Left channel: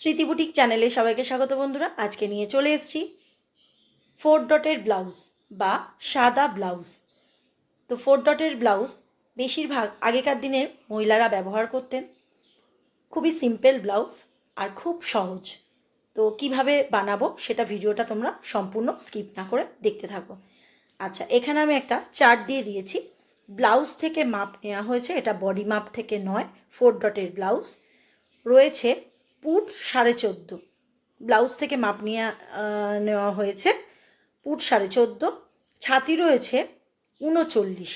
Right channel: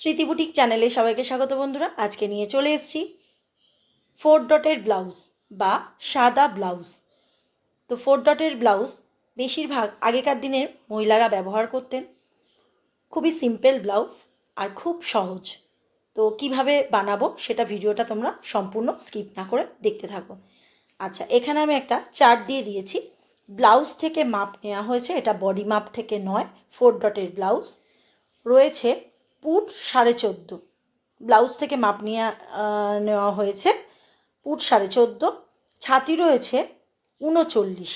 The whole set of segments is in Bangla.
স্মৃতি বুটিক চ্যানেলে সবাইকে স্বাগত বন্ধুরা। আজকে নিয়ে চলে এসেছি 4 ডটের ব্লাউজ বা সাদা ব্লাউজ। তো 4 ডটের ব্লাউজ বেশিরভাগ আগেকার দিনের মহিলারা ব্যবহার করতেন। খুবই সিম্পল ব্লাউজ আর খুব সহজ। তো কিভাবে বানাবো সেটা ভিডিওটা তোমরা সম্পূর্ণ স্কিপ না করে দেখতে থাকো। আচ্ছা, এখানে আমি একটা চার্ট দিয়ে দিয়েছি। ব্লাউজ থেকে মাপ নেওয়া হয়েছে, এটা বডি মাপ থেকে নয়। 4 ডটের ব্লাউজ রয়েছে পুট 14.5। ব্লাউজ থেকে মাপ নেওয়া হয়েছে পুট 14.5। ছাতি রয়েছে 39,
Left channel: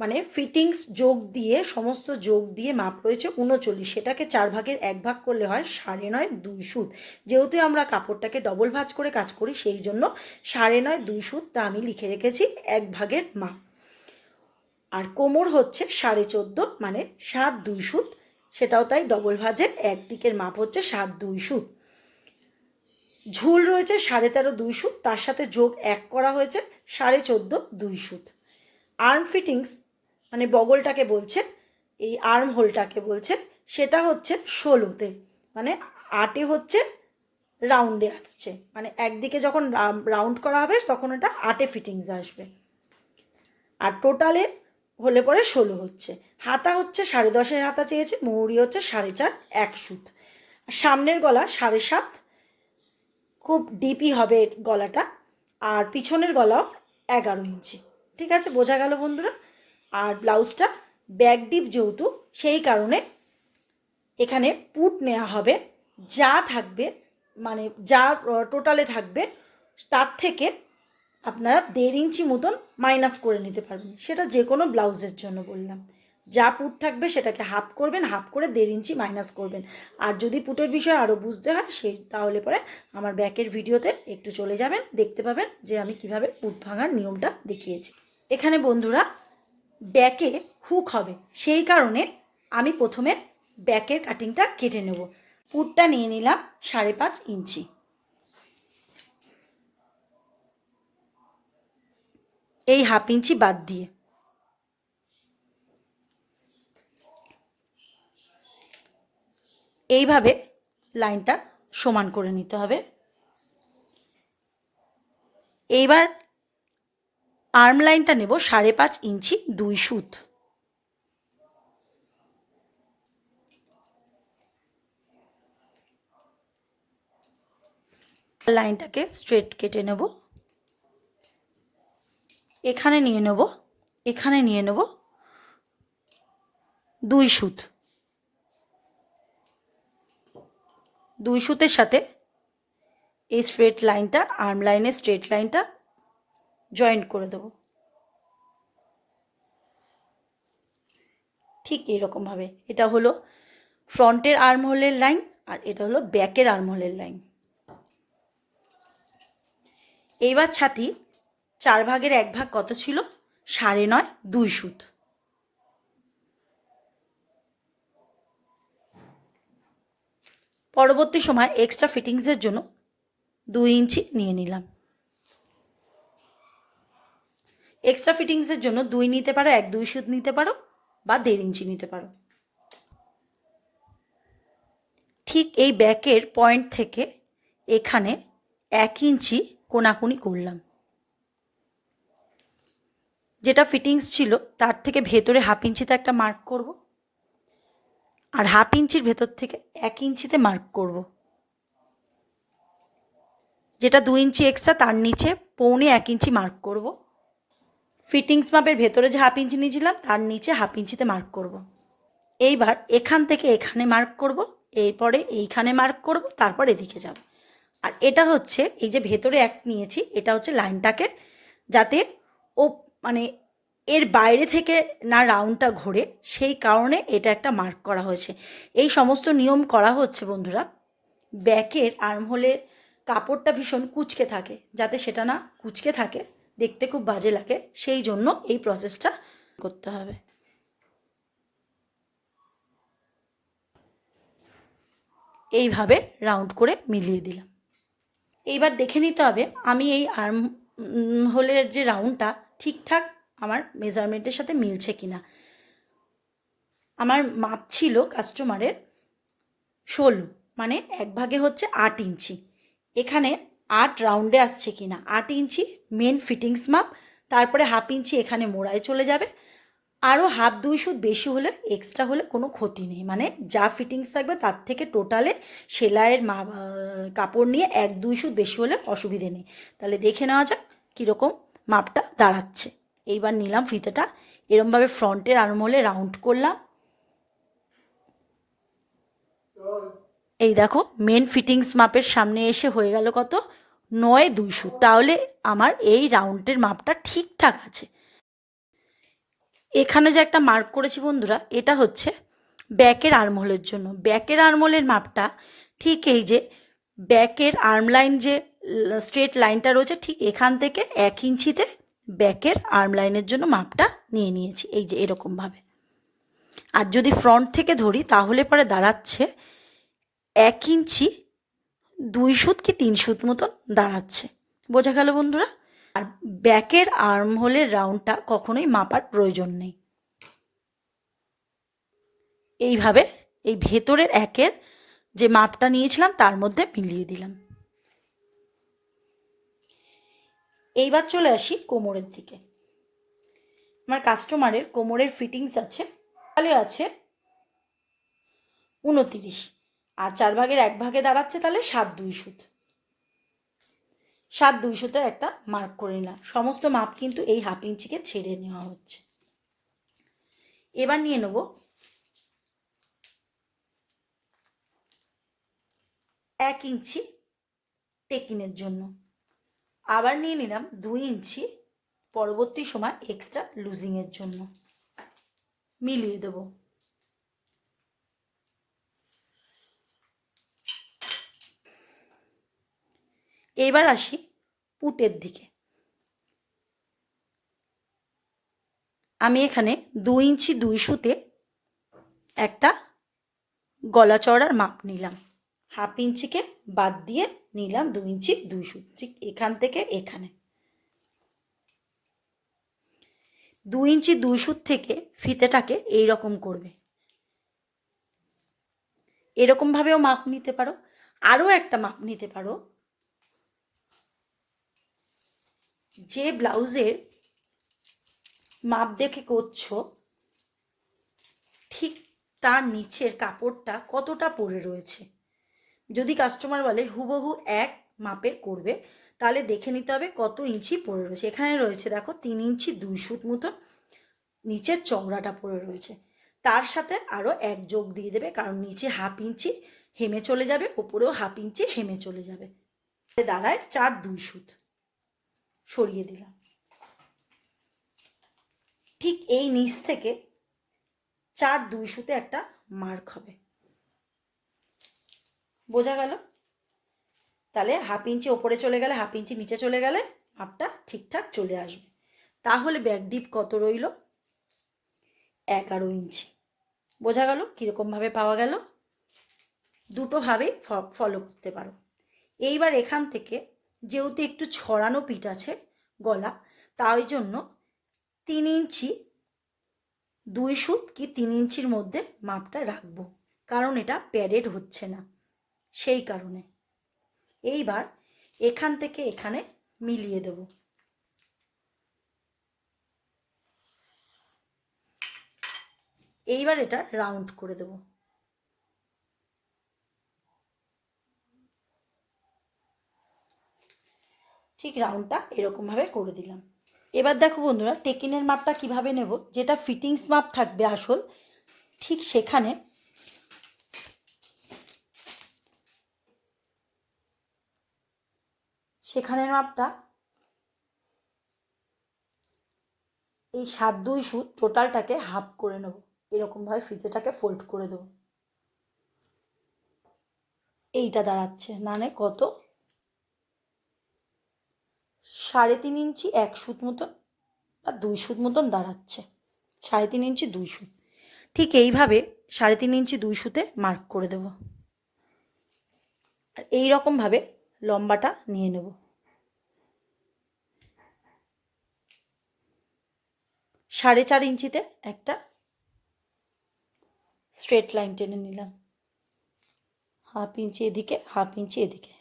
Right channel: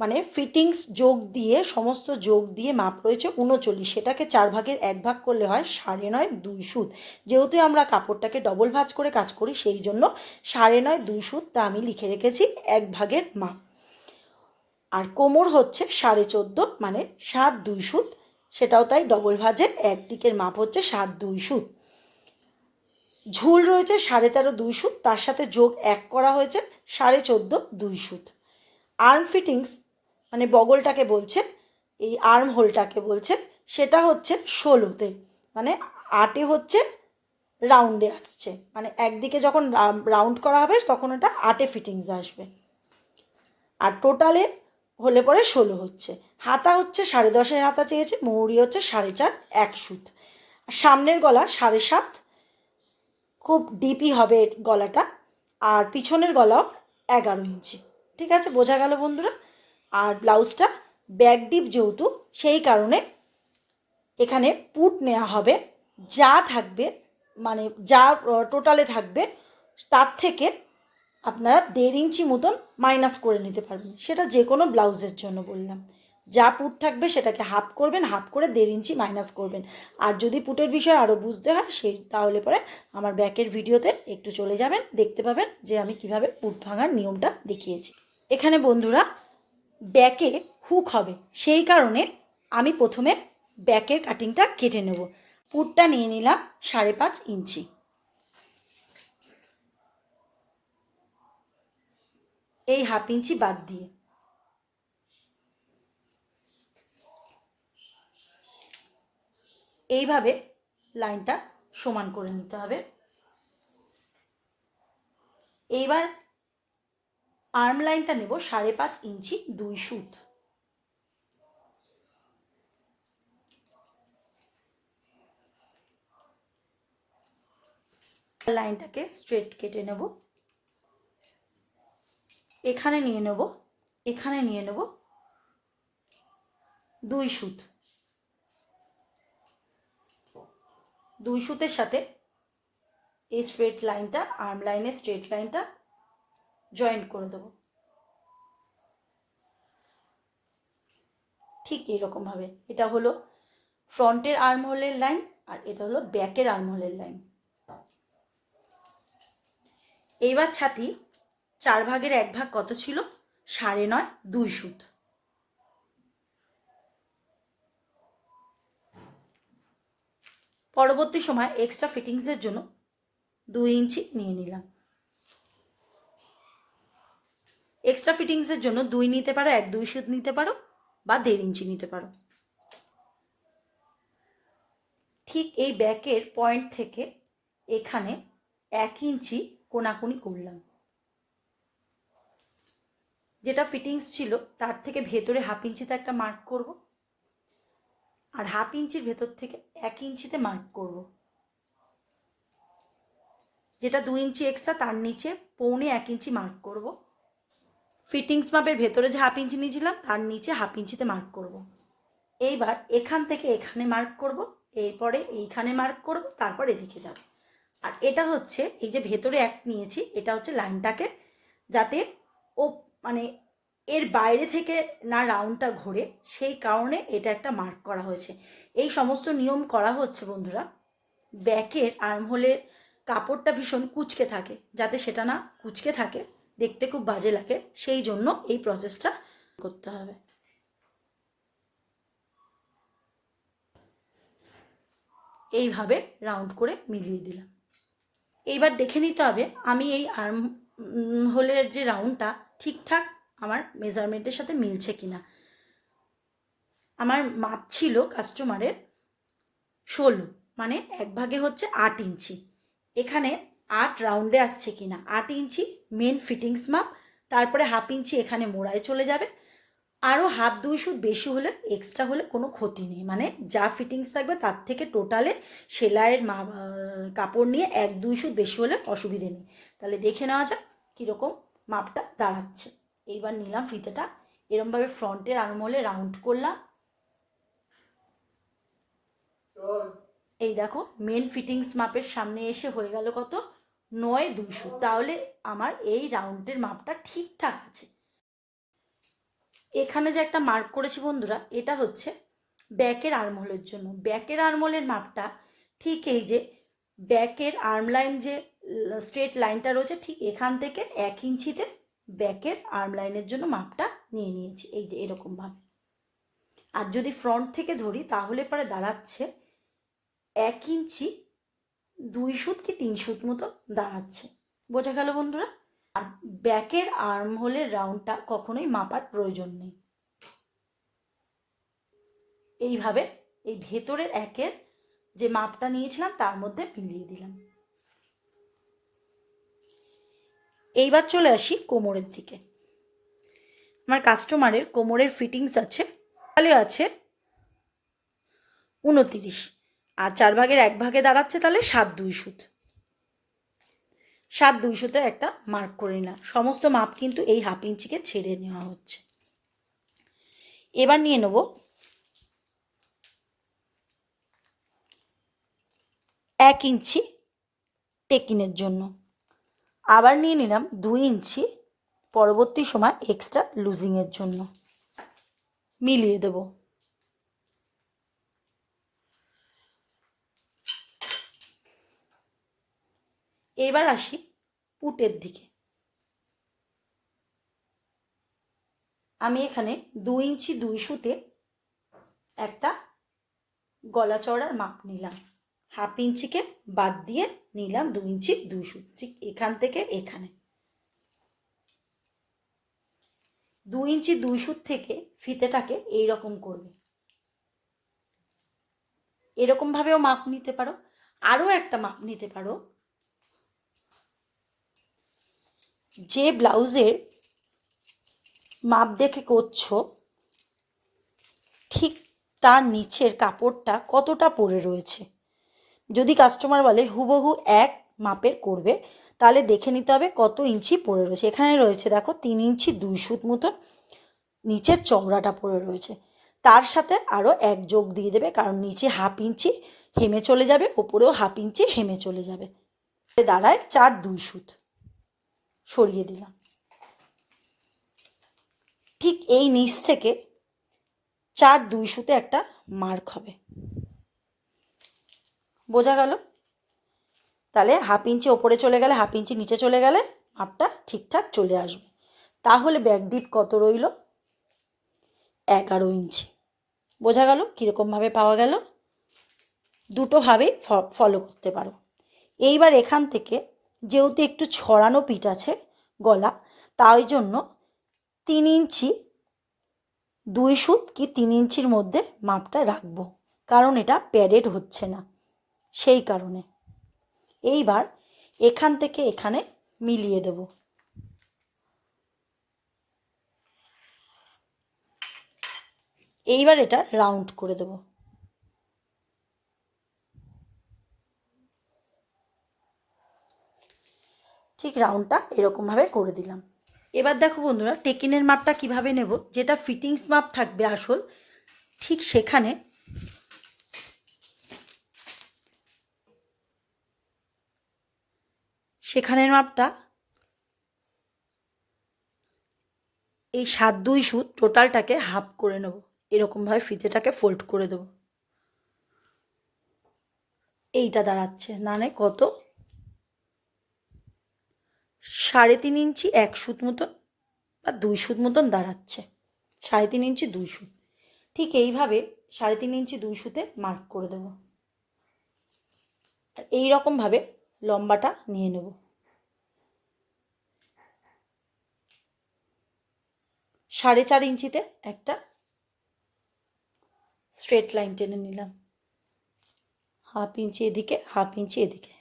মানে ফিটিংস যোগ দিয়ে সমস্ত যোগ দিয়ে মাপ রয়েছে 39। সেটাকে 4 ভাগের 1 ভাগ করলে হয় 9.5 2 সুত। যেহেতু আমরা কাপড়টাকে ডবল ভাঁজ করে কাজ করি সেই জন্য 9.5 2 সুত, তা আমি লিখে রেখেছি 1 ভাগের মাপ। আর কোমর হচ্ছে 14.5, মানে 7 2 সুত। সেটাও তাই ডবল ভাঁজে একদিকের মাপ হচ্ছে 7 2 সুত। ঝুল রয়েছে 13.5 2 সুত, তার সাথে যোগ 1 করা হয়েছে 14.5 2 সুত। আর্ম ফিটিংস মানে বগলটাকে বলছে, এই আর্ম হোলটাকে বলছে, সেটা হচ্ছে 16-তে, মানে 8-এ হচ্ছে রাউন্ডে আসছে, মানে একদিকে যখন রাউন্ড করা হবে তখন এটা 8-এ ফিটিংস আসবে। আর টোটালে হলে পরে 16 হচ্ছে। হাতা হচ্ছে 10.5-এর হাতা চেয়েছে, মৌরি হচ্ছে 4.5 1 সুত। সামনের গলা 7.5, খুব ডিপই হবে গলাটা। আর পিছনের গলাও 11 ইঞ্চি। ঠিক আছে, বোঝা গেল বন্ধুরা। আর ব্লাউজটা ব্যাক ডিপ যেহেতু, সেই কারণে এখানে পুট নেওয়া হবে। যা থাকবে, মানে যা টোটালে থাকবে তার থেকে আপনারা 1.5 ইঞ্চি মতন মাইনাস করে নিতে পারবেন। সেটা যে কোনো ব্লাউজের জন্য বললাম। যা পুট থাকবে সেটাকে হাফ করবেন, হাফ করে 1.5 ইঞ্চি মাইনাস করবেন। আর যদি পুটের বিষয়ে আরও বুঝতে হয় তাহলে পরে আমার ব্যাকের ভিডিওতে একটু চলে যাবেন, দেখতে পাবেন যে আমি কিভাবে পুট ভাঙার নিয়মটা দেখিয়েছি। এখানে বন্ধুরা ব্যাকে হুক হবে, সেই কারণে আমি প্রথমে ব্যাকের কাটিংটা কেটে নেব। পুটটা নিয়ে নিলাম 5.5 ইঞ্চি। এই 1/2 ইঞ্চি বাদ দিয়ে এইভাবে লাইনটা সমান করে নিতে হবে। এইবার আর্ম লাইনটা নেব 5.5 ইঞ্চি 2 সুত। লাইনটাকে স্ট্রেট কেটে নেব। এখানে নিয়ে নেব 2 সুত। 2 সুতের সাথে এই স্ট্রেট লাইনটা, আর্ম লাইনের স্ট্রেট লাইনটা জয়েন্ট করে দেব ঠিক এইরকমভাবে। এটা হলো ফ্রন্টের আর্ম হোলের লাইন আর এটা হলো ব্যাকের আর্ম হোলের লাইন। এইবার ছাতি 4 ভাগের 1 ভাগ কত ছিল? 9.5 2 সুত। পরবর্তী সময় এক্সট্রা ফিটিংসের জন্য 2 ইঞ্চি নিয়ে নিলাম। এক্সট্রা ফিটিংসের জন্য 2 নিতে পারো, 1 2 সুত নিতে পারো, বা 1.5 ইঞ্চি নিতে পারো। ঠিক এই ব্যাকের পয়েন্ট থেকে এখানে 1 ইঞ্চি কোনাকুনি করলাম। যেটা ফিটিংস ছিল তার থেকে ভেতরে 1/2 ইঞ্চিতে একটা মার্ক করব, আর 1/2 ইঞ্চির ভেতর থেকে 1 ইঞ্চিতে মার্ক করব। যেটা 2 ইঞ্চি এক্সট্রা তার নিচে 1.25 ইঞ্চি মার্ক করব। ফিটিংস মাপের ভেতরে যে 1/2 ইঞ্চি নিয়েছিলাম তার নিচে 1/2 ইঞ্চিতে মার্ক করব। এইবার এখান থেকে এখানে মার্ক করব, এরপরে এইখানে মার্ক করব, তারপর এদিকে যাব। আর এটা হচ্ছে এই যে ভেতরে এক নিয়েছি, এটা হচ্ছে লাইনটাকে যাতে ও মানে এর বাইরে থেকে না রাউন্ডটা ঘোরে, সেই কারণে এটা একটা মার্ক করা হয়েছে। এই সমস্ত নিয়ম করা হচ্ছে বন্ধুরা। ব্যাকের আর্মহোলের কাপড়টা ভীষণ কুঁচকে থাকে, যাতে সেটা না কুঁচকে থাকে, দেখতে খুব বাজে লাগে, সেই জন্য এই প্রসেসটা করতে হবে। এইভাবে রাউন্ড করে মিলিয়ে দিলাম। এইবার দেখে নিতে হবে আমি এই আর্ম হোলের যে রাউন্ডটা ঠিকঠাক আমার মেজারমেন্টের সাথে মিলছে কিনা। আমার মাপ ছিল কাস্টমারের 16, মানে 1 ভাগে হচ্ছে 8 ইঞ্চি। এখানে 8 রাউন্ডে আসছে কি না, 8 ইঞ্চি মেন ফিটিংস মাপ, তারপরে 1/2 ইঞ্চি এখানে মোড়ায় চলে যাবে। আরও 1/2-2 সুত বেশি হলে, এক্সট্রা হলে কোনো ক্ষতি নেই, মানে যা ফিটিংস থাকবে তার থেকে টোটালে সেলাইয়ের কাপড় নিয়ে 1-2 সুত বেশি হলে অসুবিধে নেই। তাহলে দেখে নেওয়া যাক কীরকম মাপটা দাঁড়াচ্ছে। এইবার নিলাম ফিতেটা, এরমভাবে ফ্রন্টের আর্মহোলে রাউন্ড করলাম। এই দেখো মেন ফিটিংস মাপের সামনে এসে হয়ে গেল কত, 9-2 সুত। তাহলে আমার এই রাউন্ডের মাপটা ঠিকঠাক আছে। এখানে যে একটা মার্ক করেছি বন্ধুরা, এটা হচ্ছে ব্যাকের আর্মহোলের জন্য। ব্যাকের আর্মহোলের মাপটা ঠিক এই যে ব্যাকের আর্মলাইন যে স্ট্রেট লাইনটা রয়েছে, ঠিক এখান থেকে 1 ইঞ্চিতে ব্যাকের আর্ম লাইনের জন্য মাপটা নিয়ে নিয়েছি, এই যে এরকমভাবে। আর যদি ফ্রন্ট থেকে ধরি তাহলে পরে দাঁড়াচ্ছে 1 ইঞ্চি 2 সুত কি 3 সুত মতো দাঁড়াচ্ছে। বোঝা গেল বন্ধুরা? আর ব্যাকের আর্মহোলের রাউন্ডটা কখনোই মাপার প্রয়োজন নেই। এইভাবে এই ভেতরের একের যে মাপটা নিয়েছিলাম তার মধ্যে মিলিয়ে দিলাম। এইবার চলে আসি কোমরের দিকে। আমার কাস্টমারের কোমরের ফিটিংস আছে, তাহলে আছে 29, আর 4 ভাগের 1 ভাগে দাঁড়াচ্ছে তাহলে 7-2 সুত। 7-2 সুতে একটা মার্ক করে নিলাম। সমস্ত মাপ কিন্তু এই 1/2 ইঞ্চিকে ছেড়ে নেওয়া হচ্ছে। এবার নিয়ে নেব 1 ইঞ্চি টেকিনের জন্য, আবার নিয়ে নিলাম 2 ইঞ্চি পরবর্তী সময় এক্সট্রা লুজিংয়ের জন্য। মিলিয়ে দেব। এবার আসি পুটের দিকে। আমি এখানে 2 ইঞ্চি 2 সুতে একটা গলা চওড়ার মাপ নিলাম। 1/2 ইঞ্চিকে বাদ দিয়ে নিলাম 2 ইঞ্চি 2 সুত, ঠিক এখান থেকে এখানে। 2 ইঞ্চি 2 সুত থেকে ফিতেটাকে এইরকম করবে। এরকমভাবেও মাপ নিতে পারো। আরও একটা মাপ নিতে পারো, যে ব্লাউজের মাপ দেখে করছো ঠিক তার নিচের কাপড়টা কতটা পড়ে রয়েছে। যদি কাস্টমার বলে হুবহু এক মাপের করবে, তাহলে দেখে নিতে হবে কত ইঞ্চি পড়ে রয়েছে। এখানে রয়েছে দেখো 3 ইঞ্চি 2 সুত মতো নিচের চওড়াটা পড়ে রয়েছে, তার সাথে আরও 1 যোগ দিয়ে দেবে, কারণ নিচে 1/2 ইঞ্চি হেমে চলে যাবে, ওপরেও 1/2 ইঞ্চি হেমে চলে যাবে। দাঁড়ায় 4-2 সুত। সরিয়ে দিলাম। ঠিক এই নিচ থেকে 4-2 সুতে একটা মার্ক হবে। বোঝা গেল? তাহলে 1/2 ইঞ্চি ওপরে চলে গেলে, 1/2 ইঞ্চি নিচে চলে গেলে মাপটা ঠিকঠাক চলে আসবে। তাহলে ব্যাক ডিপ কত রইল? 11 ইঞ্চি। বোঝা গেল কীরকমভাবে পাওয়া গেল? দুটোভাবেই ফলো করতে পারো। এইবার এখান থেকে যেহেতু একটু ছড়ানো পিঠ আছে গলা, তাই জন্য 3 ইঞ্চি 2 সুত কি 3 ইঞ্চির মধ্যে মাপটা রাখবো, কারণ এটা প্যাডেড হচ্ছে না, সেই কারণে। এইবার এখান থেকে এখানে মিলিয়ে দেব। এইবার এটা রাউন্ড করে দেব। ঠিক রাউন্ডটা এরকমভাবে করে দিলাম। এবার দেখো বন্ধুরা, টেকিনের মাপটা কিভাবে নেব। যেটা ফিটিংস মাপ থাকবে আসল, ঠিক সেখানের মাপটা এই 7-2 সুত টোটালটাকে হাফ করে নেব। এরকমভাবে ফিতেটাকে ফোল্ড করে দেব। এইটা দাঁড়াচ্ছে মানে কত, 3.5 ইঞ্চি 1 সুত মতন বা 2 সুত মতন দাঁড়াচ্ছে। 3.5 ইঞ্চি 2 সুত। ঠিক এইভাবে 3.5 ইঞ্চি 2 সুতে মার্ক করে দেব। আর এইরকমভাবে লম্বাটা নিয়ে নেব। 4.5 ইঞ্চিতে একটা স্ট্রেট লাইন টেনে নিলাম। হাফ ইঞ্চি এদিকে, হাফ ইঞ্চি এদিকে,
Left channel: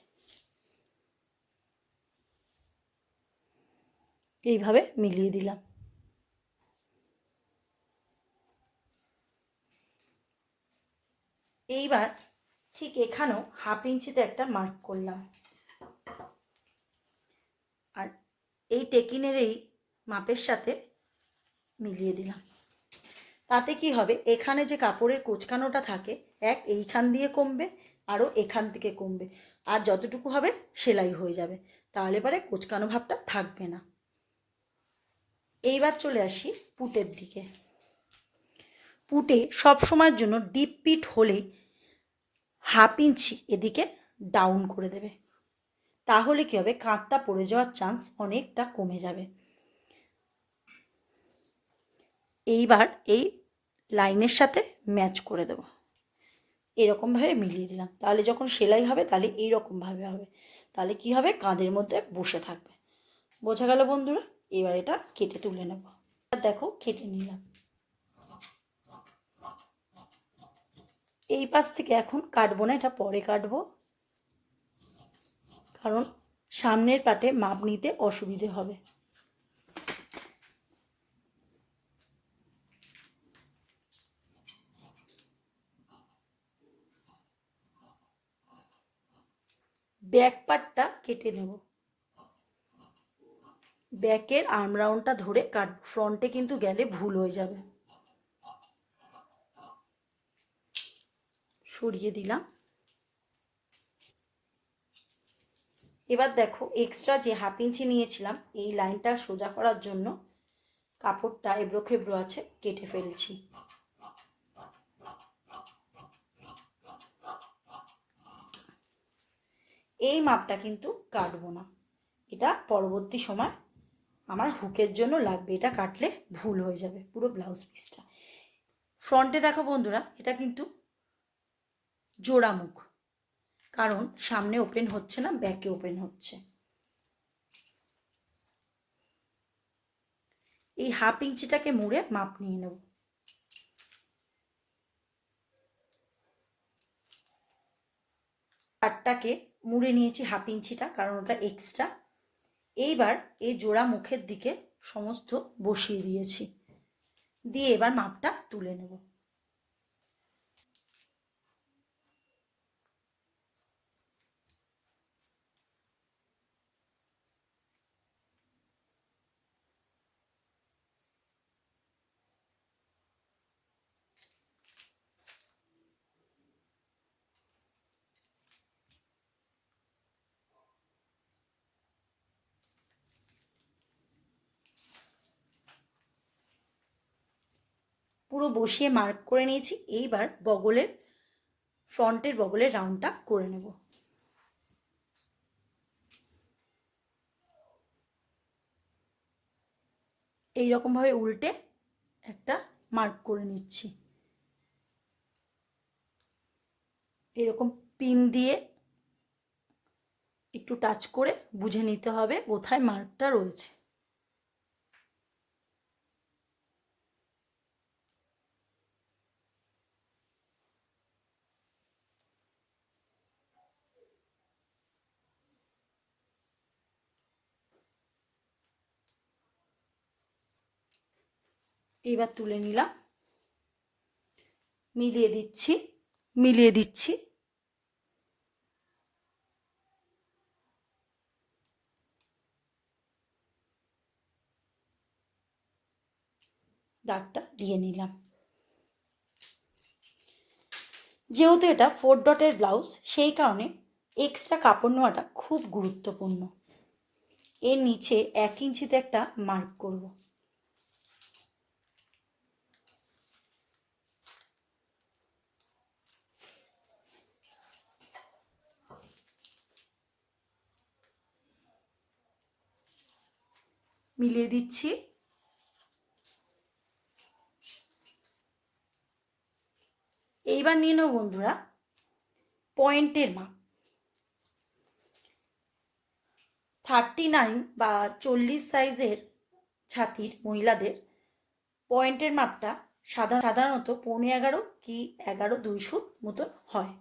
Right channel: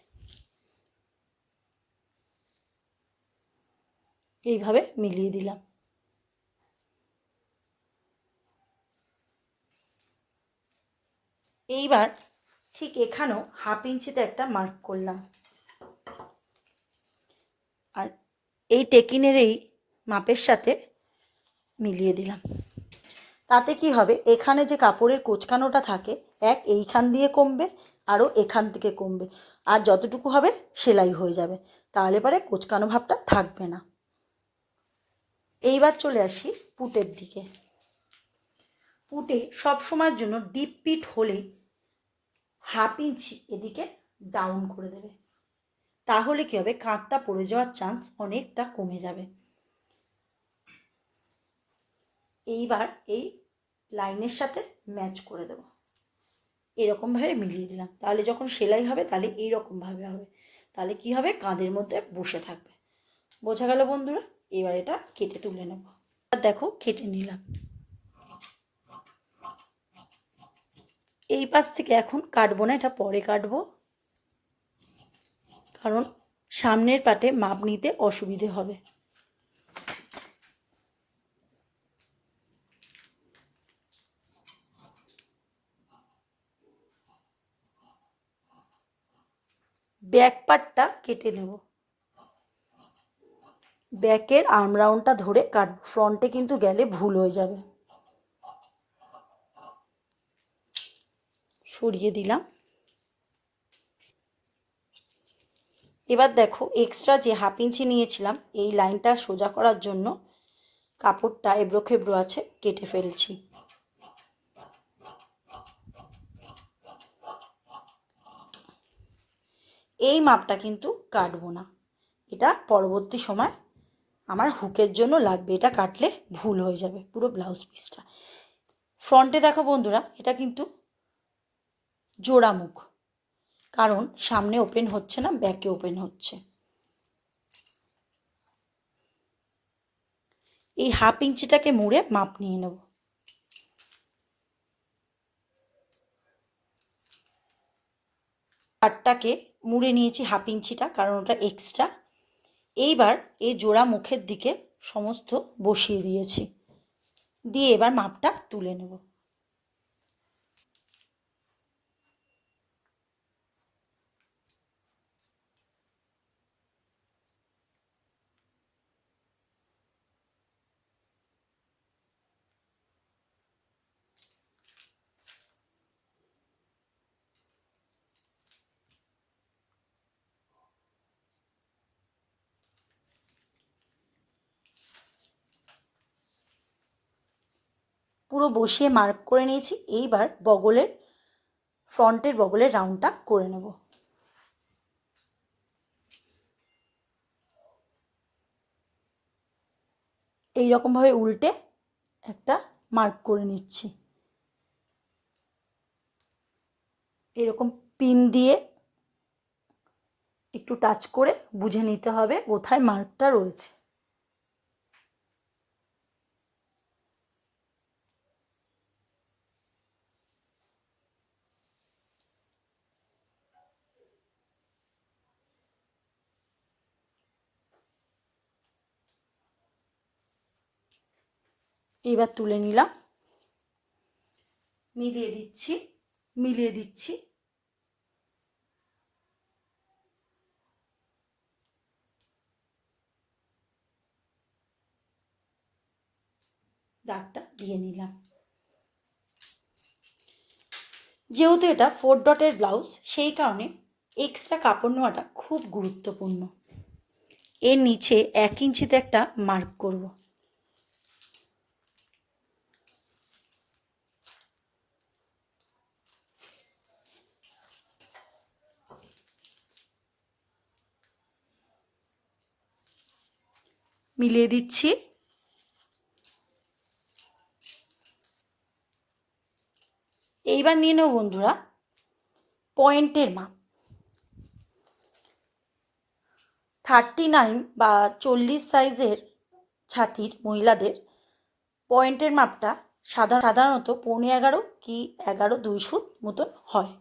এইভাবে মিলিয়ে দিলাম। এইবার ঠিক এখানেও হাফ ইঞ্চিতে একটা মার্ক করলাম, আর এই টেকিনের এই মাপের সাথে মিলিয়ে দিলাম। তাতে কি হবে, এখানে যে কাপড়ের কোঁচকানোটা থাকে এইখান দিয়ে কমবে, আরও এখান থেকে কমবে, আর যতটুকু হবে সেলাই হয়ে যাবে, তাহলে পরে কোঁচকানো ভাবটা থাকবে না। এইবার চলে আসি পুটের দিকে। পুটে সব সময়ের জন্য ডিপ পিট হলেই হাফ ইঞ্চি এদিকে ডাউন করে দেবে, তাহলে কী হবে, কাঁধটা পড়ে যাওয়ার চান্স অনেকটা কমে যাবে। এইবার এই লাইনের সাথে ম্যাচ করে দেবো, এরকমভাবে মিলিয়ে দিলাম, তাহলে যখন সেলাই হবে তাহলে এইরকমভাবে হবে, তাহলে কি হবে, কাঁধের মধ্যে বসে থাকবে। বোঝা গেল বন্ধুরা? এবার এটা কেটে তুলে নেব। আর দেখো কেটে নিলাম। এই পাশ থেকে এখন কাটবো না, এটা পরে কাটবো, কারণ সামনের পাটে মাপ নিতে অসুবিধে হবে। ব্যাক পার্টটা কেটে নেব, ব্যাকের আর্ম রাউন্ডটা ধরে কাটবো, ফ্রন্টে কিন্তু গেলে ভুল হয়ে যাবে। সরিয়ে দিলাম। এবার দেখো এক্সট্রা যে হাফ ইঞ্চি নিয়েছিলাম এই লাইনটা সোজা করার জন্য কাপড়টা এবড়ো খেবড়ো আছে, কেটে ফেলছি। এই মাপটা কিন্তু কাটবো না, এটা পরবর্তী সময় আমার হুকের জন্য লাগবে, এটা কাটলে ভুল হয়ে যাবে পুরো ব্লাউজ পিসটা। ফ্রন্টে দেখো বন্ধুরা, এটা কিন্তু জোড়া মুখ, কারণ সামনে ওপেন হচ্ছে না, ব্যাকে ওপেন হচ্ছে। এই হাফ ইঞ্চিটাকে মুড়ে মাপ নিয়ে নেব। পাটটাকে মুড়ে নিয়েছি হাফ ইঞ্চিটা, কারণ ওটা এক্সট্রা। এইবার এই জোড়া মুখের দিকে সমস্ত বসিয়ে দিয়েছি, দিয়ে এবার মাপটা তুলে নেব। পুরো বসিয়ে মার্ক করে নিয়েছি। এইবার বগলের ফ্রন্টের বগলের রাউন্ডটা করে নেব। এই রকমভাবে উল্টে একটা মার্ক করে নিচ্ছি। এরকম পিন দিয়ে একটু টাচ করে বুঝে নিতে হবে কোথায় মার্কটা রয়েছে। এবার তুলে নিলাম, মিলিয়ে দিচ্ছি, মিলিয়ে দিচ্ছি। দাগটা দিয়ে নিলাম। যেহেতু এটা 4 ডটের ব্লাউজ, সেই কারণে এক্সট্রা কাপড় নেওয়াটা খুব গুরুত্বপূর্ণ। এর নিচে 1 ইঞ্চিতে একটা মার্ক করব। মিলিয়ে দিচ্ছি। এইবার নিয়ে নেব বন্ধুরা পয়েন্টের মাপ। 39 বা 40 সাইজের ছাতির মহিলাদের পয়েন্টের মাপটা সাধারণত 11.5 কি 11 2 সুত মতন হয়।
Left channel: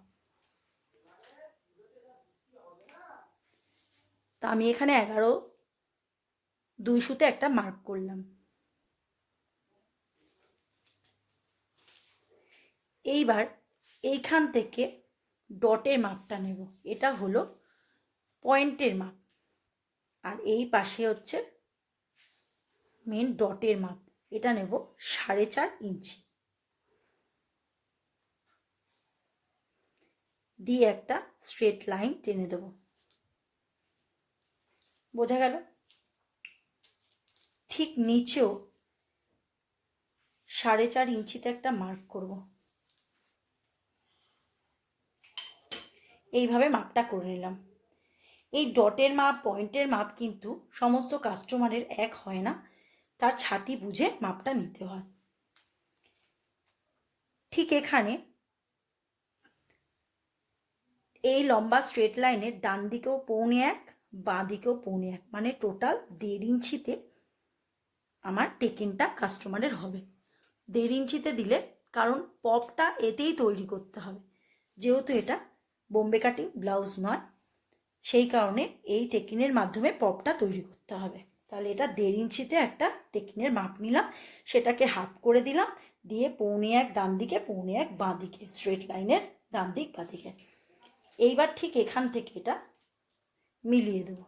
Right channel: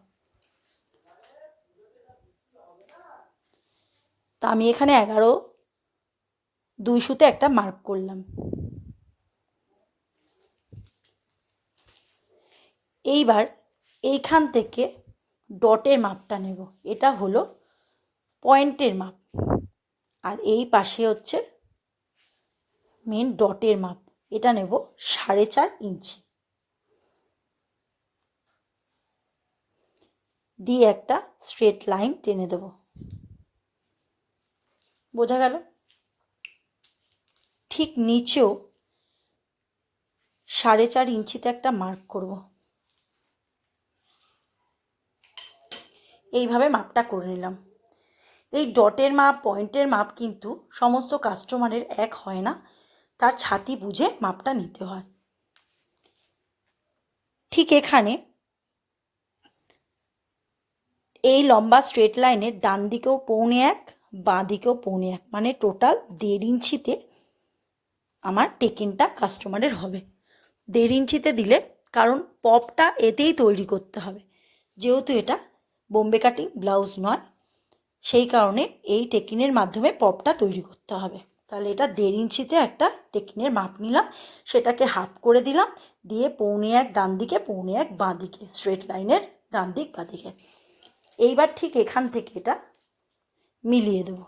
তো আমি এখানে 11 2 সুতে একটা মার্ক করলাম। এইবার এইখান থেকে ডটের মাপটা নেব, এটা হলো পয়েন্টের মাপ, আর এই পাশে হচ্ছে মেন ডটের মাপ, এটা নেব 4.5 ইঞ্চি দিয়ে একটা স্ট্রেট লাইন টেনে দেব। বোঝা গেল? ঠিক নিচেও 4.5 ইঞ্চিতে একটা মার্ক করব। এইভাবে মাপটা করে নিলাম। এই ডটের মাপ, পয়েন্টের মাপ কিন্তু সমস্ত কাস্টমারের এক হয় না, তার ছাতি বুঝে মাপটা নিতে হয়। ঠিক এখানে এই লম্বা স্ট্রেট লাইনের ডান দিকেও 1.25, বাঁ দিকেও 1.25, মানে টোটাল 1.5 ইঞ্চিতে আমার টেকিনটা কাস্টমারের হবে। 1.5 ইঞ্চিতে দিলে, কারণ পপটা এতেই তৈরি করতে হবে, যেহেতু এটা বোম্বে কাটিং ব্লাউজ নয়, সেই কারণে এই টেকিনের মাধ্যমে পপটা তৈরি করতে হবে। তাহলে এটা 1.5 ইঞ্চিতে একটা টেকিনের মাপ নিলাম, সেটাকে হাফ করে দিলাম, দিয়ে 1.25 ডান দিকে, 1.25 বাঁ দিকে, স্ট্রেট লাইনের ডান দিক বাঁ দিকে। এইবার ঠিক এখান থেকে এটা মিলিয়ে দেব।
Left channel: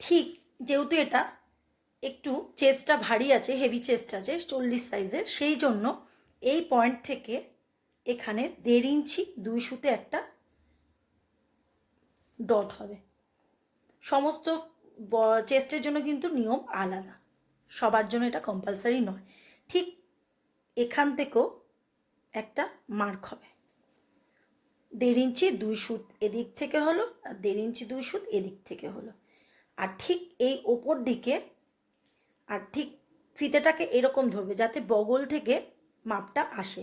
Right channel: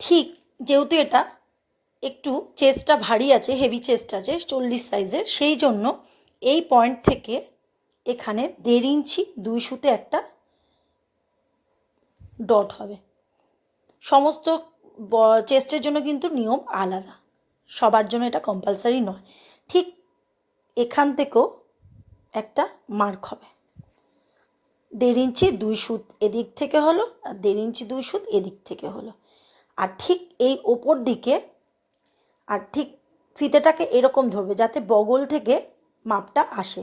ঠিক যেহেতু এটা একটু চেস্টটা ভারী আছে, হেভি চেস্ট আছে, 40 সাইজের, সেই জন্য এই পয়েন্ট থেকে এখানে 1.5 ইঞ্চি 2 সুতে একটা ডট হবে। সমস্ত চেস্টের জন্য কিন্তু নিয়ম আলাদা, সবার জন্য এটা কম্পালসারি নয়। ঠিক এখান থেকেও একটা মার্ক হবে, 1.5 ইঞ্চি 2 সুত এদিক থেকে হলো, আর 1.5 ইঞ্চি 2 সুত এদিক থেকে হলো। আর ঠিক এই ওপর দিকে, আর ঠিক ফিতেটাকে এরকম ধরবে যাতে বগল থেকে মাপটা আসে,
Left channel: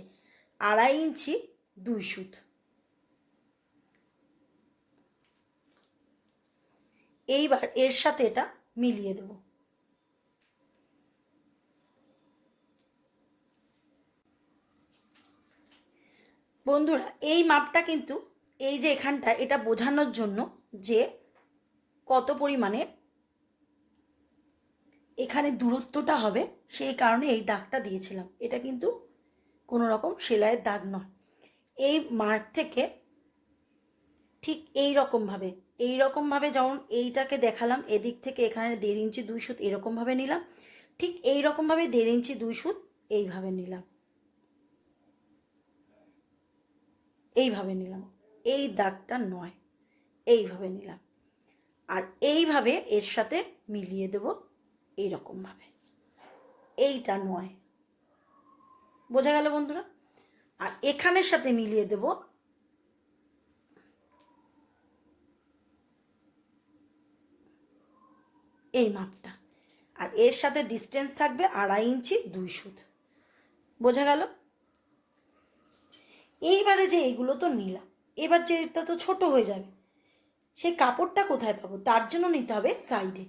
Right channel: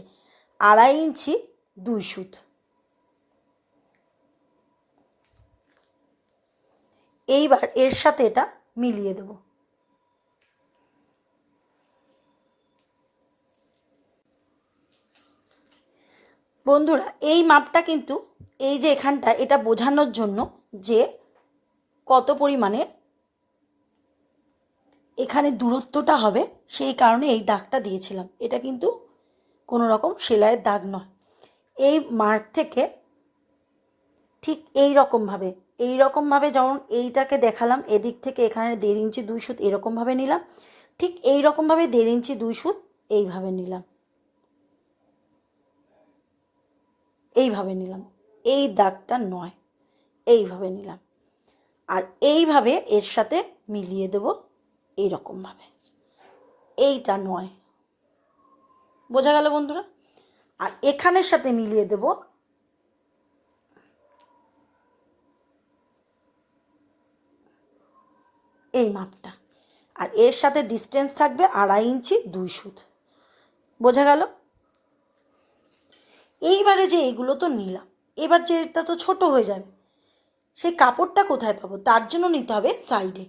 2.5 ইঞ্চি 2 সুত। এইবার এর সাথে এটা মিলিয়ে দেব। বন্ধুরা, এই মাপটা কিন্তু এই যে এখানটা, এটা বোঝানোর জন্য যে কত পরিমাণে এখানে দূরত্বটা হবে, সেই কারণে এই দাগটা দিয়েছিলাম। এটা কিন্তু কোনো রকম সেলাইয়ের দাগ নয়। এই মার্ক থেকে ঠিক এই রকমভাবে যেমন এইটাকে দেখালাম, এদিক থেকে এখানে 1.5 ইঞ্চি 2 সুত এরকমভাবে নিলাম, ঠিক এই রকমভাবে 1.5 ইঞ্চি 2 সুত এইভাবে নিলাম, এই দাগটা নয়, এইভাবে নিলাম, আর এইভাবে এর সাথে মিলিয়ে দেব এইরকমভাবে, এইটা নয়। বোঝা গেল বন্ধুরা? আর এখানের সাথে মিলিয়ে দেব এই মাপটা, আর এর সাথে ডিস্টেন্স থাকবে 2.5 ইঞ্চি 2 সুত। বোঝা গেল? এইবারে যে এগুলো তো নিলাম, এবার যে এটা তো ছোট হয়ে যাবে, সেই কাপড়টা কোথায় পাবো? তার জন্য নিতে হবে সাইডে।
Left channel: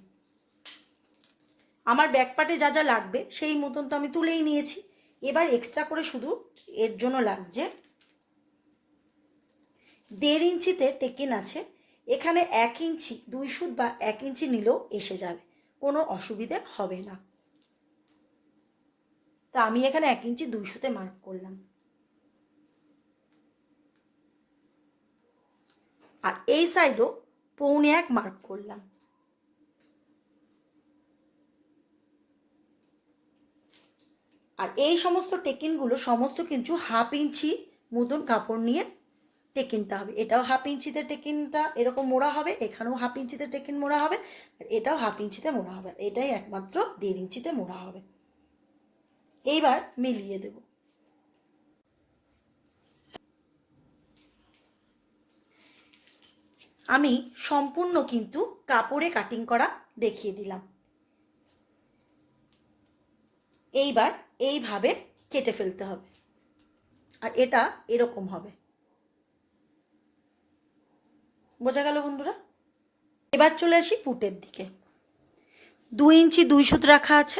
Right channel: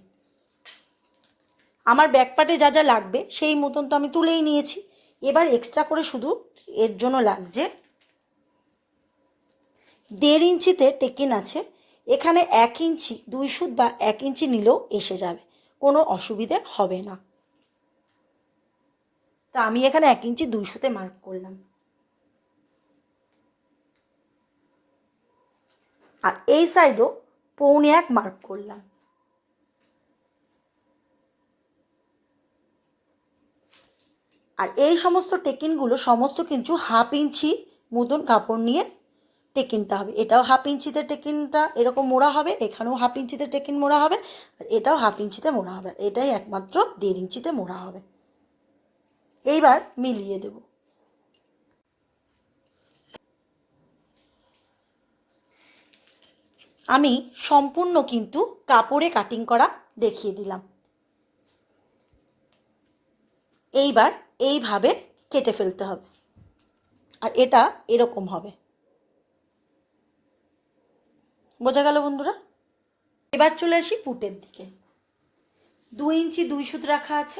আমার ব্যাকপার্টে যা যা লাগবে সেই মতন তো আমি তুলেই নিয়েছি। এবার এক্সট্রা করে শুধু এর জন্য লাগছে 1.5 ইঞ্চিতে টেকিন আছে, এখানে 1 ইঞ্চি 2 সুত বা 1 ইঞ্চি নিলেও এসে যাবে, কোনো অসুবিধে হবে না। তা আমি এখানে 1 ইঞ্চি 2 সুতে মার্ক করলাম, আর এই সাইডও 1.25 মার্ক করলাম। আর এই সমস্ত টেকিনগুলো সমস্ত কিন্তু 1/2 ইঞ্চি মতন কাপড় নিয়ে টেকিনটা হবে। এটাও 1/2 ইঞ্চিতে টেকিনটা এরকম মোড়া হবে, এখানেও 1/2 ইঞ্চিতে টেকিন মোড়া হবে, আর এটাও 1/2 ইঞ্চিতে মোড়া হবে, এটাই একমাত্র 1.5 ইঞ্চিতে মোড়া হবে। এইবার মিলিয়ে দেব। আমি সম্পূর্ণ কিন্তু কাপড়ে কাটিং করা দেখিয়ে দিলাম। এইবার এইভাবে কেটে ফেলতে হবে, আর এটা এরকম হবে। বোঝা গেল বন্ধুরা? এবার চলে আসি পুটের দিকে। 2 ইঞ্চি 2 সুত রাখা আছে,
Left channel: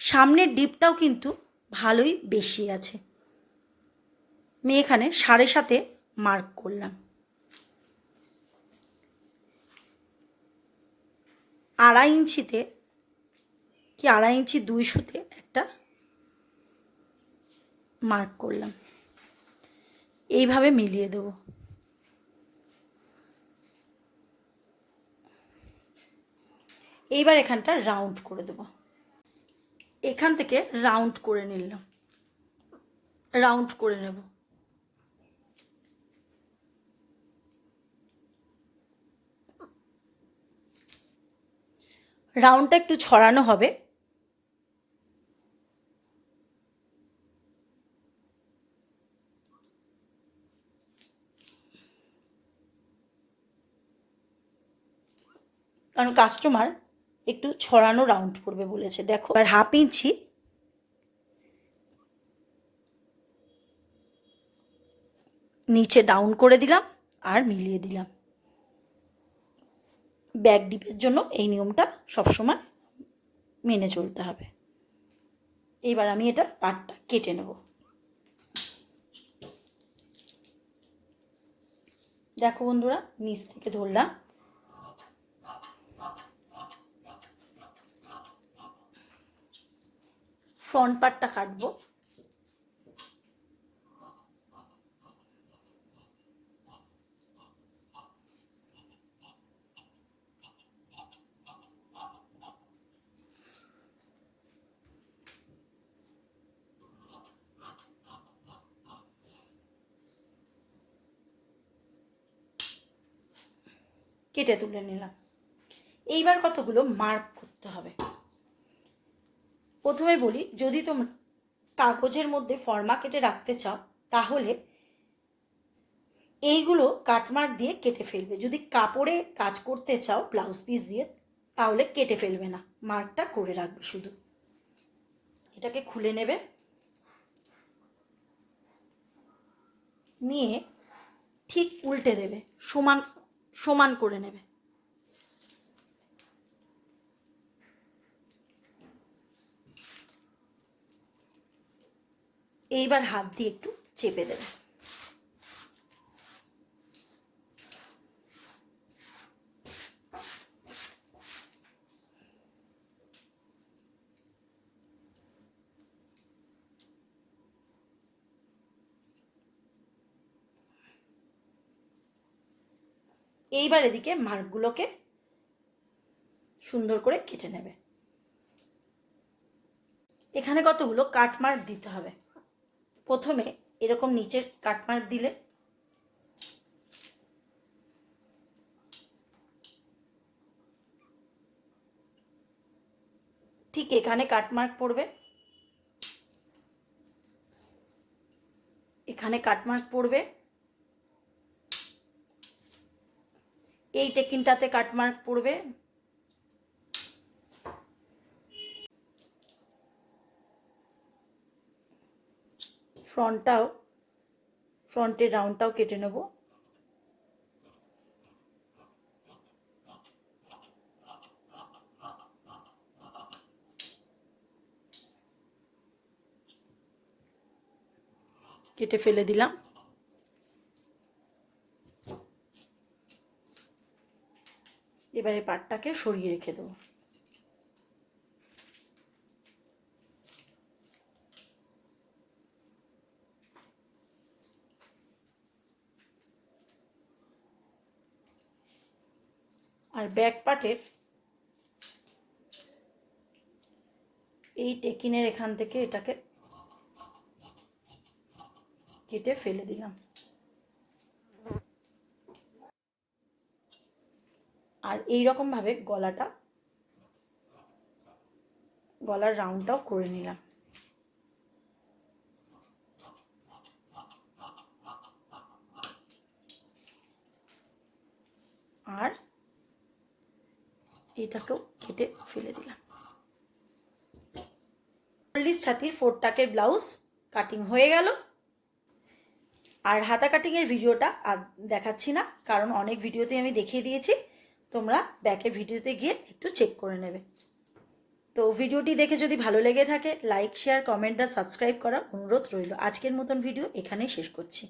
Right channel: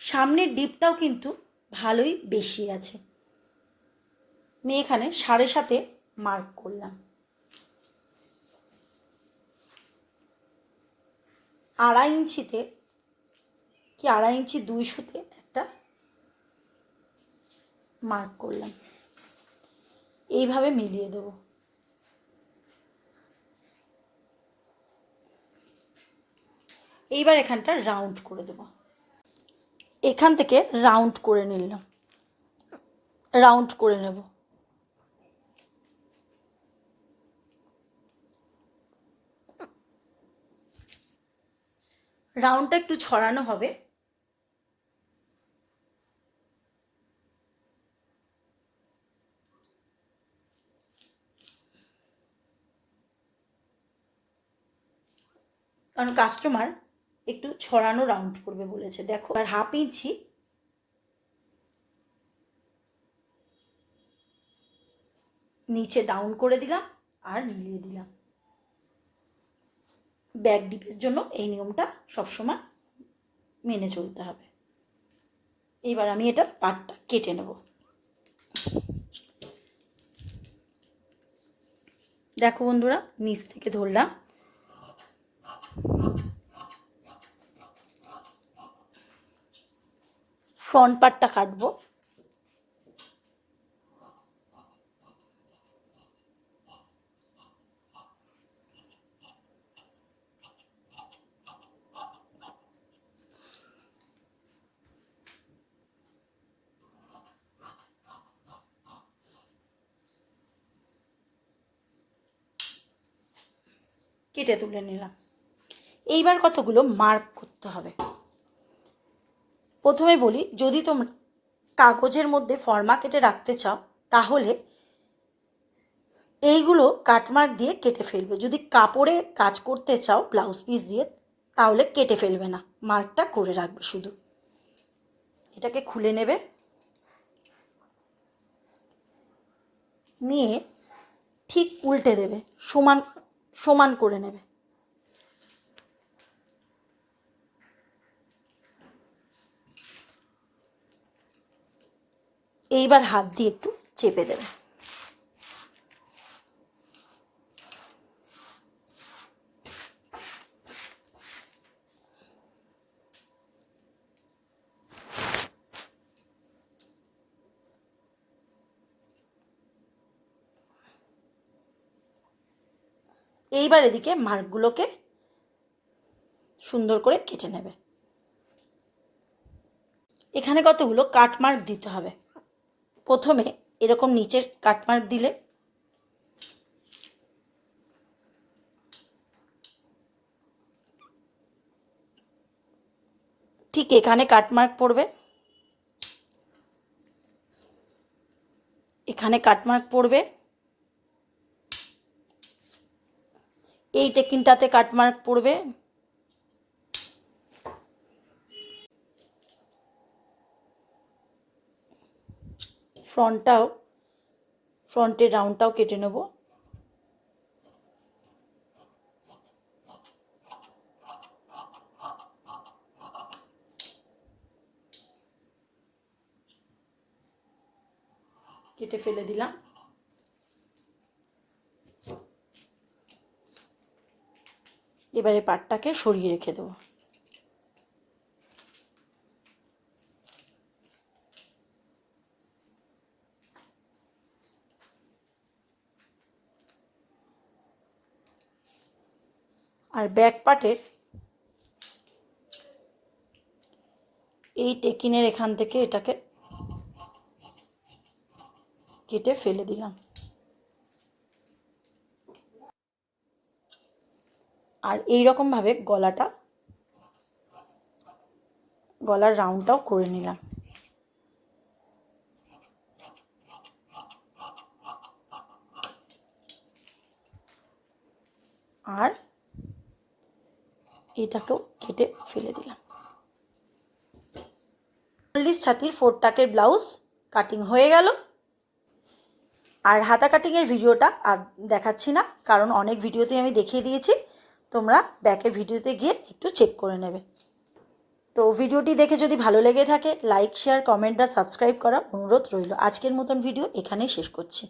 সামনের ডিপটাও কিন্তু ভালোই বেশি আছে, আমি এখানে 7.5 মার্ক করলাম। 2.5 ইঞ্চিতে কি 2.5 ইঞ্চি 200-তে একটা মার্ক করলাম। এইভাবে মিলিয়ে দেব। এইবার এখানটা রাউন্ড করে দেব। এখান থেকে রাউন্ড করে নিলাম, রাউন্ড করে নেব। রাউন্ডটা একটু ছড়ানো হবে। কারণ কাস্টমার একটু ছড়ানো রাউন্ড করবে বলেছে। দেখো, আর 1/2 ইঞ্চি নিচে ডাউন করে দিলাম আর মিলিয়ে দিলাম। ব্যাক ডিপের জন্য এই নিয়মটা সবসময় মেনে চলতে হবে। এইবার আমি এটা পাটটা কেটে নেব। দেখো বন্ধুরা, নিচ থেকে ধরলাম, ফ্রন্ট পার্টটা কাটবো। কেটে তুলে নিলাম। এইবার কতগুলো মার্ক করতে হবে। প্রথমে বলি, যদি তোমরা কাগজের মধ্যে ফর্মা কেটে রাখতে চাও তাহলে এইগুলো কাটমার্ক দিয়ে কেটে ফেলবে। যদি কাপড়ে কাজ করতে চাও ব্লাউজ পিস দিয়ে, তাহলে কেটে ফেলবে না, মার্কটা করে রাখবে শুধু। এটাকে খুলে নেবে, নিয়ে ঠিক উল্টে দেবে, সমান সমান করে নেবে। এইবার হাত দিয়ে একটু চেপে দেবে। এইবার এদিকে মার্কগুলোকে সুন্দর করে কেটে নেবে। এখানে কতগুলো কাটমার্ক দিতে হবে। প্রথমে এরকম নিচের কাটমার্ক দিলে, ঠিক এখানে কাটমার্ক পড়বে, এখানে কাটমার্ক পড়বে, এই টেকিনটাতে কাটমার্ক পড়বে, ফ্রন্টের রাউন্ডটাও কেটে নেব। কেটে ফেলে দিলাম। এবারে পাটটাকে সরিয়ে রেখে দেবো। আর ব্যাক পার্টের এই টেকিনের এখান থেকে এটাকে কেটে ফেলে দিলাম। আর এই রকমভাবে গলার রাউন্ডটাও করে নিলাম। আর এটাকেও কেটে ফেলে দিলাম। 40 ছাতির 4 টাকের ব্লাউজ কাটিং হয়ে গেল। আর হাতা কাটিংয়ের ভিডিওটা আর দেখাচ্ছি না, কারণ অনেক ভিডিওতে আমি দেখিয়ে দিয়েছি। তোমরা ব্যাকের ভিডিওতে গিয়ে একটু চেক করে নেবে। তো ভিডিওটি দেখে যদি ভালো লেগে থাকে লাইক শেয়ার কমেন্ট আর সাবস্ক্রাইব করার অনুরোধ রইল। আজকের মতন ভিডিও এখানেই শেষ করছি।